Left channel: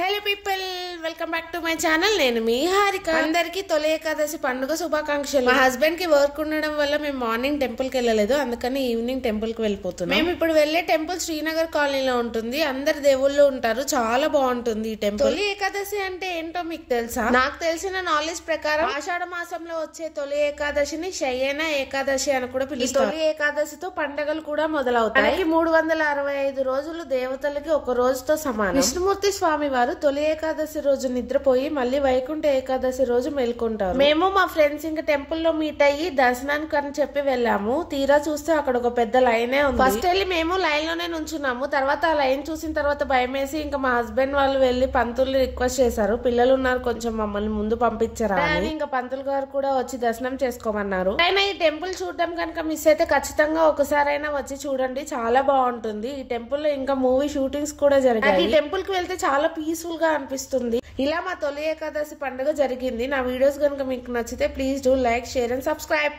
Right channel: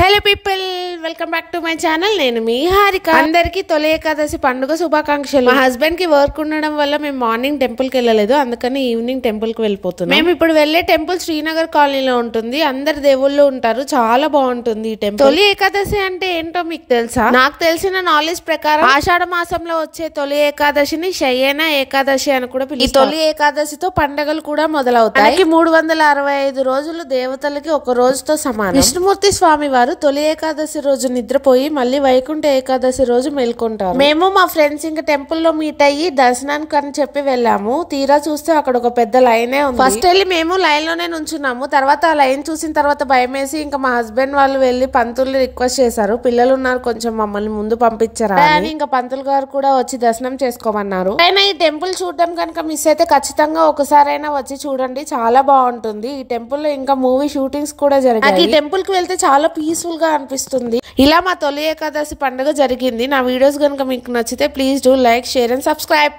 Hello people, welcome back to my channel. నేను మీ హారిక. అందరికి తొలి ఏకాదశి పండుగ శుభాకాంక్షలు. మా హస్బెండ్ కి వర్క్ ఉండడం వల్ల మేము మార్నింగ్ టెంపుల్ కి వెళ్ళలేదు, అందుకని ఈవినింగ్ టెంపుల్ కి వెళ్ళిపోతున్నాం. మేము ఇప్పుడు వెళ్లే టెంపుల్ శ్రీనగర్ కాలనీలో ఉంటుంది. అందరు దేవుళ్ళు ఉంటారు, చాలా బాగుంటుంది ఈ టెంపుల్. తొలి ఏకాదశి అంటే ఏంటో మీకు తెలుసా? నాకు తెలిసిన నాలెడ్జ్ ప్రకారం ఆషాఢ మాసంలో వచ్చే తొలి ఏకాదశిని శయన ఏకాదశి అని కూడా పిలుస్తారు. ఈ తొలి ఏకాదశితో పండుగలు కూడా మొదలవుతాయి. 365 రోజులు దేవతలకి ఒక రోజుతో సమానం. విష్ణుమూర్తి స్వామి వారు తొలి ఏకాదశి రోజు నిద్రపోయి మళ్ళీ వైకుంఠ ఏకాదశి రోజు మేల్కొంటారు. మేము మా ఫ్రెండ్స్ ఇంకా టెంపుల్ లో మీట్ అయ్యి దర్శనానికి అని చెప్పి వెళ్ళాము. తీరా చూస్తే అక్కడ ఒక పెద్ద లైనే ఉంది. ఫస్ట్ వెళ్ళి మేము లైన్ లోనే నుంచున్నాము. తర్వాత ఆ లైన్ చూసిన తర్వాత భయం వేసి ఇంకా మా హస్బెండ్ వాళ్ళు వెళ్ళి పంతుల్ని రిక్వెస్ట్ చేశారు, పిల్లలు ఉన్నారు కొంచెం మమ్మల్ని ముందు పంపించారా అని. ఇంకా పంతులు గారు కూడా వచ్చి దర్శనం చేసుకోమన్నారు. అయినా ఈ టెంపుల్ చూడడం కనుక మిస్ అయితే ఖచ్చితంగా ఒకసారైనా వచ్చి చూడండి, చాలా బాగుంటుంది. ఈ టెంపుల్ లో ఇంకా మూవీ షూటింగ్స్ కూడా జరిగాయి. ఈ టెంపుల్ కి వెళ్తే చాలా పీస్ఫుల్ గా అనిపిస్తుంది. ఇలా మా తొలి ఏకాదశి పండుగ జరిగింది. నా వీడియోస్ కనుక మీకు నచ్చితే please do like, share and subscribe.